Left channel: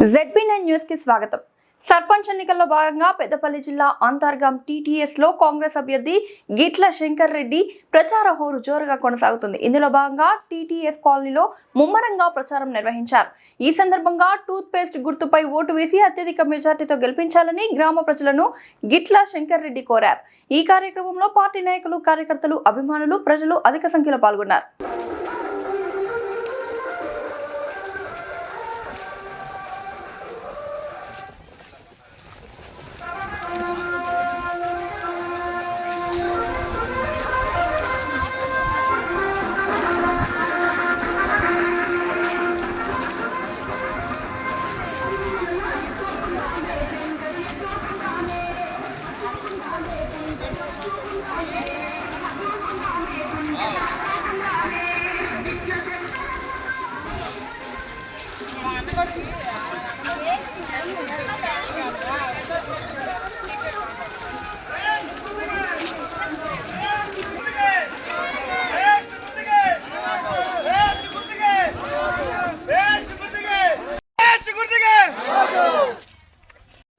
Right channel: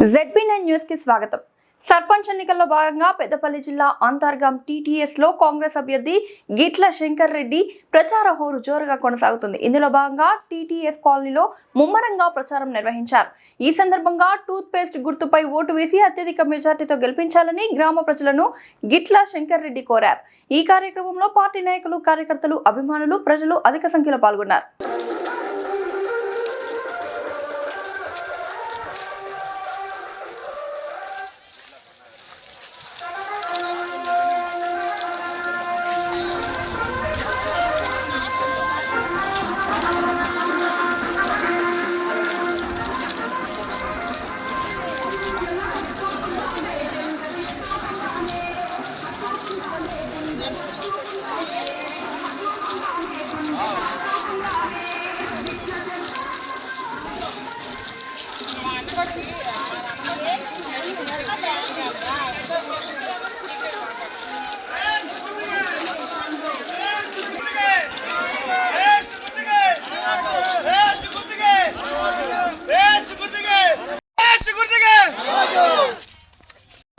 ZB nine న్యూస్కి స్వాగతం. సర్పంచ్ ఎన్నికల్లో భాగంగా పెద్దపల్లి జిల్లా అంతర్గాం టీటీఎస్లో కాంగ్రెస్ అభ్యర్థి గిట్ల శంకర్ రెడ్డి ప్రచార హోరు జోరుగా కొనసాగుతుంది. ఇందులో భాగంగా టీటీఎస్ కాలనీలో ముమ్మరంగా ప్రచారం నిర్వహించారు. ఈ సందర్భంగా టూత్ పేస్ట్ గుర్తుపై ఓటు వేసి అత్యధిక మెజార్టీతో గెలిపించాలని గ్రామ ప్రజలను గిట్ల శంకర్ రెడ్డి కోరారు. ఈ కార్యక్రమంలో పార్టీ నాయకులు కార్యకర్తలు అభిమానులు ప్రజలు అధిక సంఖ్యలో పాల్గొన్నారు.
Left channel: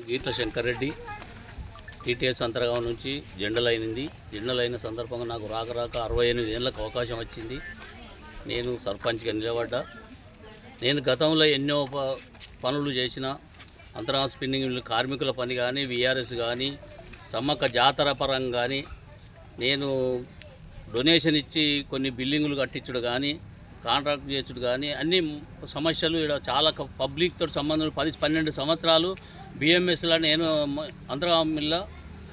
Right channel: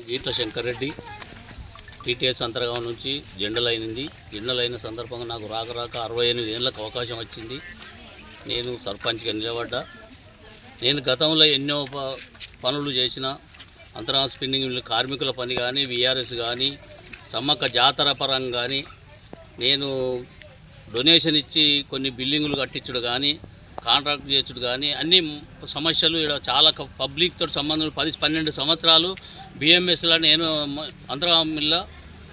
గీట్ల శంకర్రెడ్డి టీటీఎస్ అంతర్గాం నుంచి జెండలైనది. జెండలైన సందర్భంగా నాకు రాక రాక అరవై ఎనిమిది ఏళ్ళకు అవకాశం వచ్చింది. నేను సర్పంచ్గా నిలబడ్డా. నేను గతంలో ఎన్నో ప- పనులు చేసిన అంతరా స్పిన్నింగ్ కార్మికుల పని కానీ విఆర్ఎస్ కానీ సమ్మక్క జాతర పరం కానీ నేను డొనేషన్ ఇచ్చి కొన్ని బిల్డింగులు కట్టించుడు కానీ కాంట్రాక్ట్ చేసుడు కానీ అన్ని సమస్యలు ఇక్కడ చాలా పబ్లిక్తో సంబంధం పది పన్నెండు సంవత్సరాలు బిఎంఎస్లో నేను మ- అంతర్గాం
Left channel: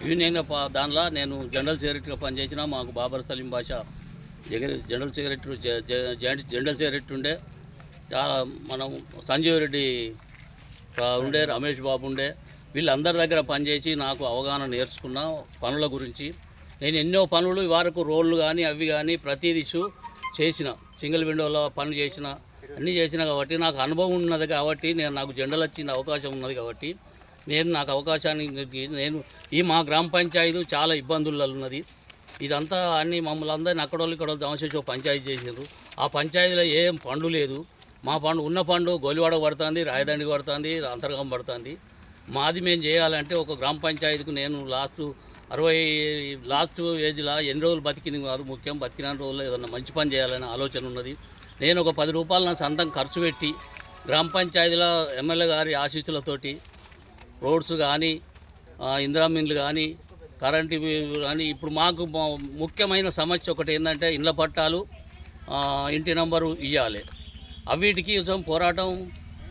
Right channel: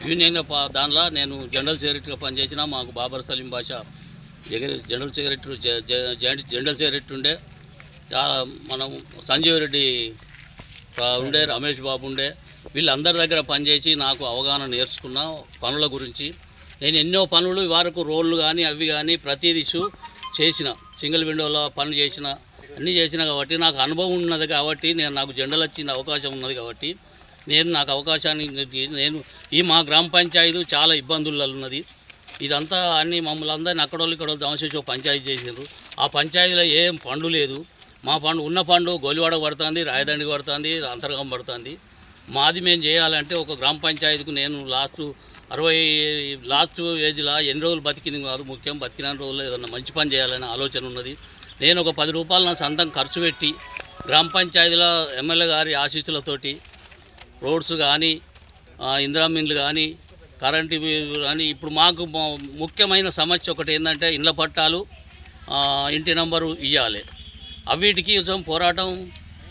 యూనియన్ దానిలో నేను జనరల్ సెక్రటరీగా పనిచేసిన మాకు బాబర్ సలీం భాష జగ జనరల్ సెక్రటరీ జనరల్ సెక్రటరీ ఉండే. చాలా మనం సంజీవ్ రెడ్డి ఉండే రమేష్ బాబు ఉండే వీళ్ళందరి దగ్గర పనిచేసి నాకు అవగాహన నేర్చుకున్న పనుల గురించి. నేను ఎన్నో పనులు వరకు రోళ్ళు కానీ అవి కానీ ప్రతిదీ చేసిన. సింగిల్ విండోలో పనులు చేసిన అన్నీ చేసిన కాబట్టి నాకు అనుభవం ఉన్నది కాబట్టి నేను నాకు జెండలు వచ్చిన అవకాశం ఉన్నది కాబట్టి నేను నాకు అవకాశాన్ని నేను ఈ మా గ్రామ పంచాయతీ చాలా ఇబ్బందుల్లో ఉన్నది. ఇదంతా అన్ని మమ్మల్ని అందరిని అక్కడోళ్ళు ఇక్కడ దమచేసి పంచాయతీ చేసారు ఆ పంచాయతీలో ఏం పండు లేదు. మా పండు ఉన్న పండు గోలివాడ పడుతుంది రాయదండికి పడుతుంది అంతర్గం పడుతుంది. మాది మేము చేయాలంటే ఒక గ్రామ పంచాయతీకి నేను లాస్ట్ అరవై లాస్ట్ ఏజ్లో ఎన్ని రోజులు బతికింది కాదు ముఖ్యం బతికిన రోజుల్లో ఏదన్నా మంచి పని చేయాలనే ఆలోచన ఉన్నది. నేను ఒక పది రూపాయలు నా సొంతం ఖర్చు పెట్టి గ్రామ పంచాయతీలో ఎమ్మెల్యే గారి ఆశీస్సులతోటి రోడ్స్ కానీ ఇందిరామిన్లు కానీ కరెంటు కానీ ఇప్పుడు మాకు ముఖ్యమైన సమస్య ఒకటి ఏంటంటే ఇండ్ల పట్టాలు ఇంటి నంబరు ఇవ్వాలి అవిటికి కొంచెం పోరాటం.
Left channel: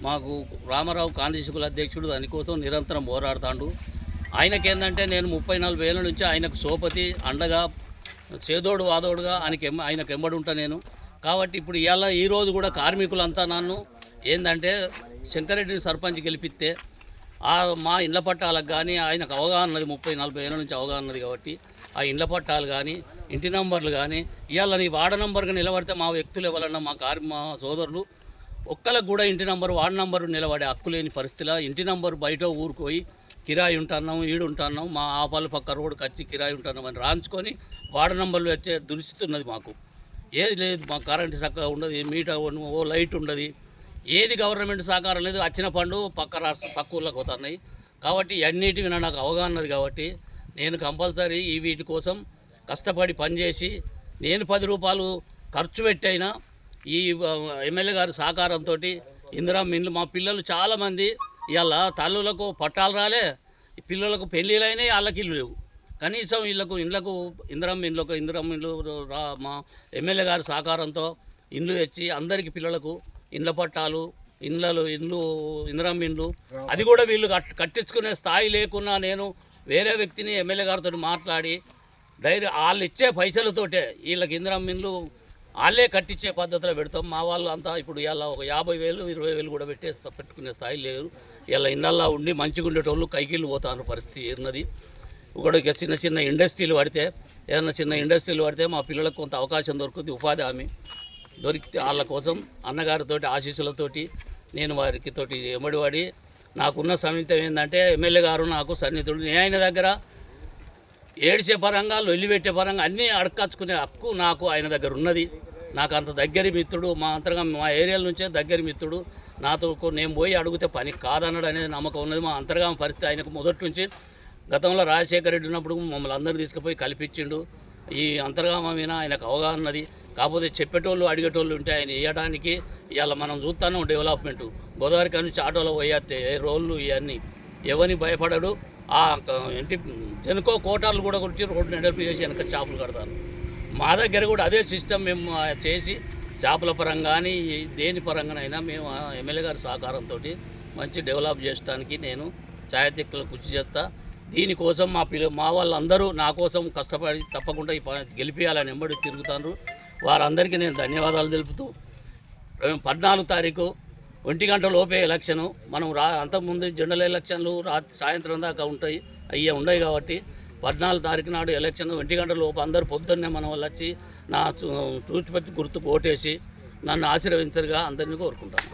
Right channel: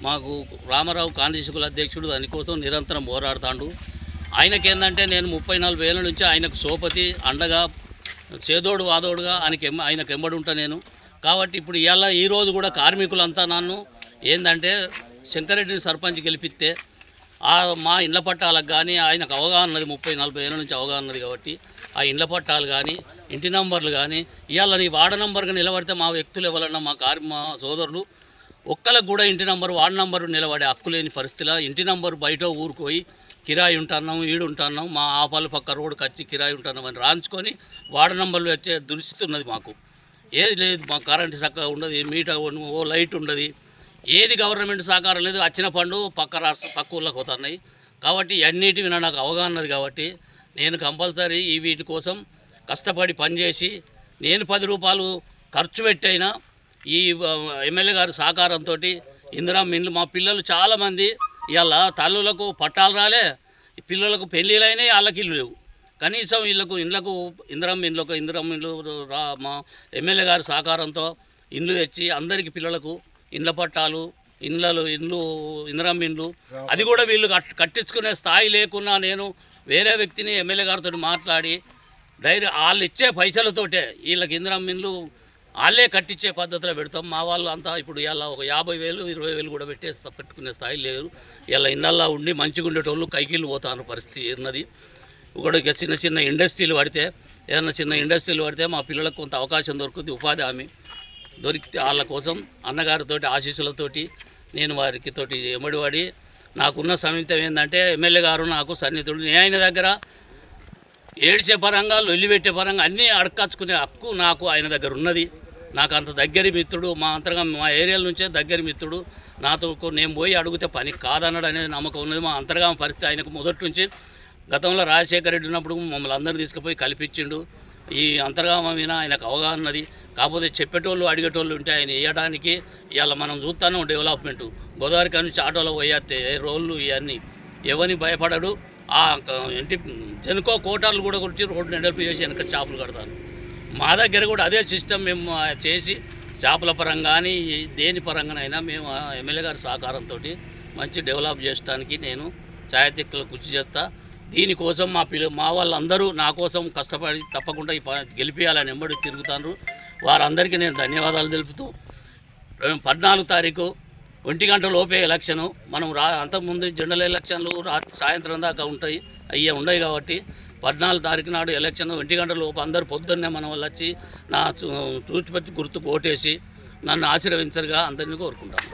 మాకు రామారావు కాంతిశుకుల అధ్యక్షుడు దానికోసం నిరంతరం పోరాడుతాడు. ఆయనకేందంటే నేను ముప్పై నాలుగు వేల నుంచి ఆయనకు సోపతి అండగా చేదోడు వాదోడుగా ఆయనకి ఆయనకు ఎంబడుంటా ఉంటా నేను. కాబట్టి ఇప్పుడు ఇవాళ ఈరోజు కూడా కార్మికులంతా నన్ను ఏంటంటే శంకరెడ్డిని సర్పంచ్ గెలిపిస్తే మా ఇళ్ళ పట్టాలకు కానీ ఆయనకు అవగాహన ఉన్నది ముప్పై నలభై ఏళ్ళ నుంచి అవగాహన ఉన్నది కాబట్టి ఆ ఇండ్ల పట్టాలు కానీ ఇంటి నంబర్లు కానీ ఇవాళ నీ వార్డు నంబర్గా నిలబడితే మా వ్యక్తులు ఎవరన్నా మా కార్ మా సోదరులు ఒక్కలకు కూడా ఇంటి నంబర్ వార్డు నంబరు నిలబడే హక్కు లేని పరిస్థితిలో ఇంటి నంబర్ బయట ఊరికి పోయి కిరాయి ఉంటున్నాం ఈడు ఉంటున్నాం మా ఆపాలు పక్క రోడ్డుకి వచ్చి కిరాయి ఉంటున్నాం అని రాంచుకొని వార్డు నంబర్లు వచ్చే దురిస్థితి ఉన్నది మాకు. ఏది లేదు మా కరెంటు చక్కగా ఉండదు మీటర్ ఓ లైట్ ఉండదు. ఏది గవర్నమెంట్ సహకారం లేదు వచ్చిన పండు పక్క రాష్ట్ర పక్క ఊళ్ళకి పోతున్నాయి. కాబట్టి అన్నిటి నాకు అవగాహన ఉన్నది కాబట్టి నేను కంపల్సరీ ఈ వీటి కోసం కష్టపడి పనిచేసి నేను పది రూపాయలు ఖర్చు పెట్టైనా ఈ ఎమ్మెల్యే గారి సహకారంతో ఇందిరా మిన్లు మా పిల్లలు చాలామంది ఇవాళ తల్లులకు పట్టాలు రాలే పిల్లలకు పెళ్ళిళ్ళైనాయి వాళ్ళకి ఇల్లు లేవు. కనీసం వీళ్ళకు ఇండ్లకు ఇందిరం ఇండ్లకు ఇందిరం ఇండ్లు రా మా ఎమ్మెల్యే గారి సహకారంతో ఇండ్లు తెచ్చి అందరికి పిల్లలకు ఇండ్ల పట్టాలు ఇండ్లలో ఇండ్లు ఇందిరం ఇండ్లు అది కూడా వీళ్ళు కట్ కట్టించుకునే స్థాయి లేకున్నా నేను వేరే వ్యక్తిని ఎమ్మెల్యే గారితో మాట్లాడి డైరీ వాళ్ళు ఇచ్చే పైసలతోటే వీళ్ళకి ఇందిరం ఇండ్లు వాళ్ళే కట్టించే పద్ధతిలో పెడతాం. మా వాళ్ళు అంతా ఇప్పుడు ఇలా ఒక యాభై వేలు ఇరవై వేలు కూడా పెట్టే పెట్టుకునే స్థాయి లేదు ఇలా ఇన్నల్లా ఉండి మంచిగా ఉండేటోళ్ళు కైకిళ్ళు పోతాను పరిస్థితి ఉన్నది. కూడా ఇక చిన్న చిన్న ఇండస్ట్రీలు పడితే ఏదైనా చిన్న ఇండస్ట్రీలు పడితే మా పిల్లలకు కొంత అవకాశం దొరుకుతుంది ఉపాధి హామీ దొరికితే వాళ్ళ కోసం అన్నగారితోటి ఆశీస్సులతోటి నేను వారికి తోటి ఎమ్మడివాడి నాకున్న సమీతం ఏంటంటే ఎమ్మెల్యే గారు నాకు సన్నిహితుడు. నేను ఆయన దగ్గర ఏడ్చే పరంగా లొల్లి పెట్టే పరంగా అన్నీ అడకచ్చుకునే హక్కు నాకు ఆయన దగ్గర ఉన్నది. నాకు అంత దగ్గరి మిత్రుడు మా అంతరంగా మా ఏరియాల నుంచే దగ్గరి మిత్రుడు. నాతో నేను పోయి అడిగితే పని కాదన్నాడు అనేది నమ్మకం ఉన్నది. మా అంతర్గామ పరిస్థితి ఆయనకు మొదటి నుంచి గతంలో రాజశేఖర రెడ్డి ఉన్నప్పుడు మమ్మల్ని అందరినీ తీసుకుపోయి కల్పించిండు. ఈ అంతర్గామ మీద ఆయనకు అవగాహన ఉన్నది. కాకపోతే చెప్పేటోళ్ళు అడిగేటోళ్ళు ఉంటే ఆయన వేయడానికి ఇవాళ మనం చూస్తాను డెవలప్మెంట్ గోదావరి కాడ నుంచి ఆటోలో పోయేస్తే రోళ్ళు ఇవన్నీ ఎవరిని భయపడడు. ఆ ఏంటి జనుకో కోటాలు కూడా కొట్టి రోడ్డు నెడల్పి చేసి వెనక చేపలు కడతారు. మా దగ్గర కూడా అదే సిస్టమ్ మేము చేసి చేపల పరంగా కానీ దేని పరంగానైనా మేము ఆ ఎమ్మెల్యే గారి సహకారంతో మంచి డెవలప్ చేయడానికి నేను ఛాయతిక్కలు కృషి చేస్తా. దీనికోసం మా పిల్ల మా వాళ్ళందరూ నా కోసం కష్టపడి తప్పకుండా ఈ గెలిపియాలని ఎంబడి తిరుగుతాను వారందరికీ నేను ధన్యవాదాలు తెలుపుతూ పద్నాలుగు తారీఖు ఒంటి గంట లోపే ఎలక్షను మనం రా అంతకుముందు జనరల్ ఎలక్షన్లు రా సాయంత్రం దాకా ఉంటాయి అయ్యే ఉండవు కాబట్టి పద్నాలుగు తారీఖు నాడు ఎలక్షన్ ఒంటి గంట లోపు అందరూ పొద్దున్నే మనం వాళ్ళు వచ్చి నా చూ- చూచిపచ్చి గుర్తుకు ఓటేసి నన్ను ఆశీర్వదించరుగా అందరినీ కోరుకుంటాను.